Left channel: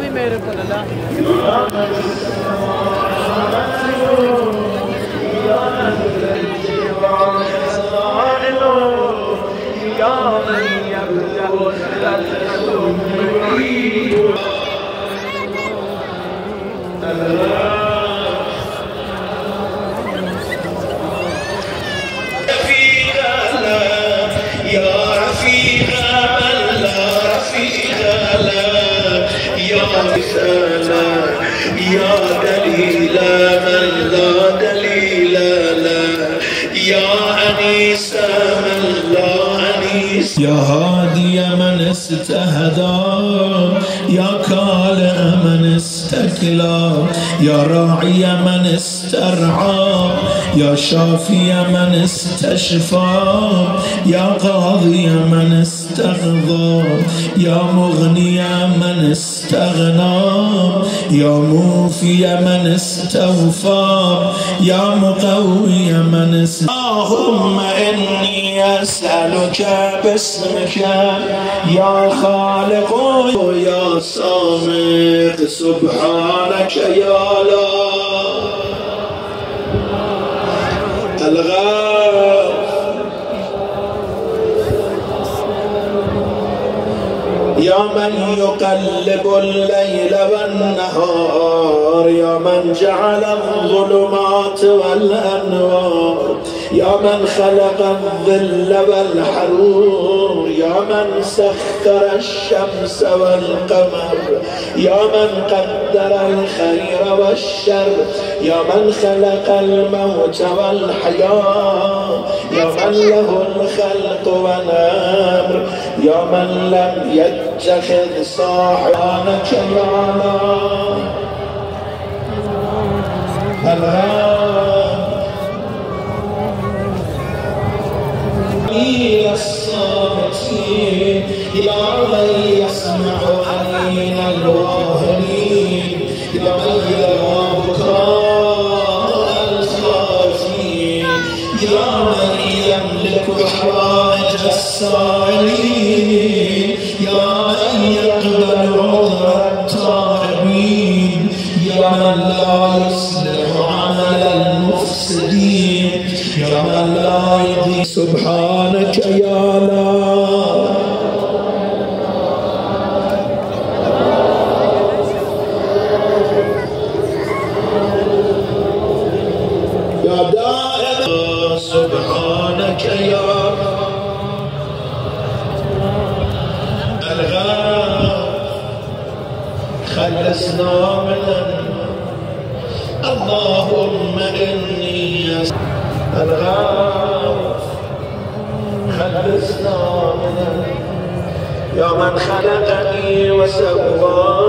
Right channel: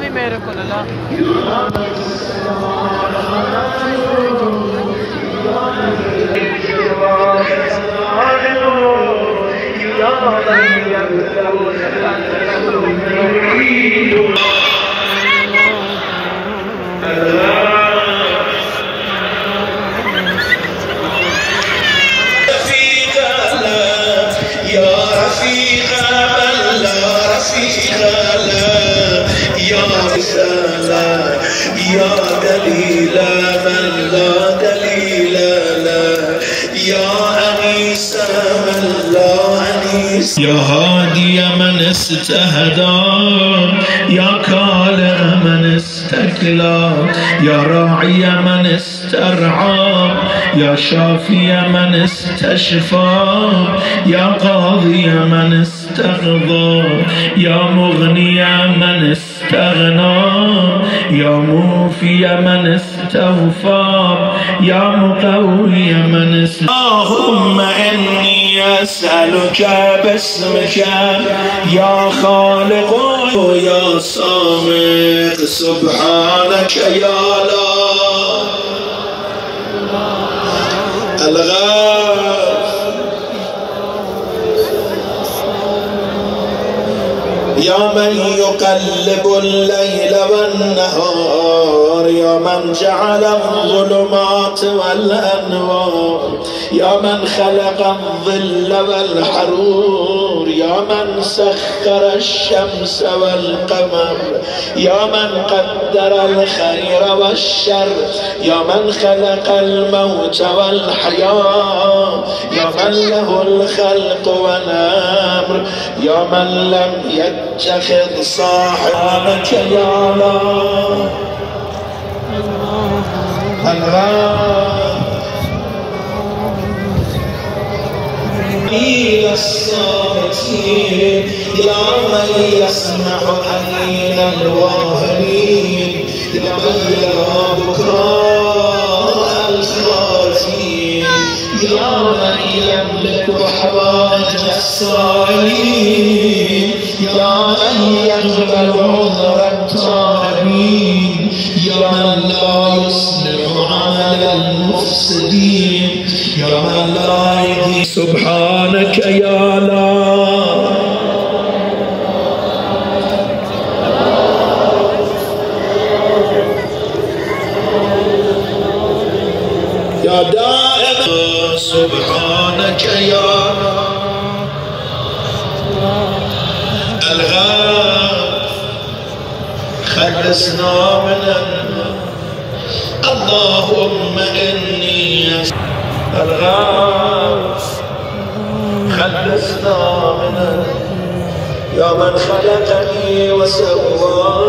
स्वामी मेरे को लला يا هادي من استهدى يا كالع من استكلى يا راعي من استرعى يا شافي من استشفى يا قاضي من استقضى يا مغني من استغنى يا موفي من استوفى يا مقوي من اللهم إني أسألك باسمك يا خالق يا صامت سبحانك يا الله الغاف يا من يقلب الليل والنهار يا من جعل الظلمات والأنوار يا من خلق الظل والحرور يا من سخر الشمس والقمر يا من قدر الخير والشر يا من خلق الموت والحياة يا من له الخلق والأمر يا من لم يتخذ صاحبك يا الله إلى الصامتين يا من يسمع حنين الواهمين يا من يرى بكاء الخائفين يا من يملك حوائج السائلين يا من يقبل عذر التائبين يا من لا يصلح عمل المفسدين يا من لا يهدي سبحانك يا الله يا دائم سبحانك يا الغاف خلصنا من اللهم إني الغاف خلصنا من يا من خلقني وسواني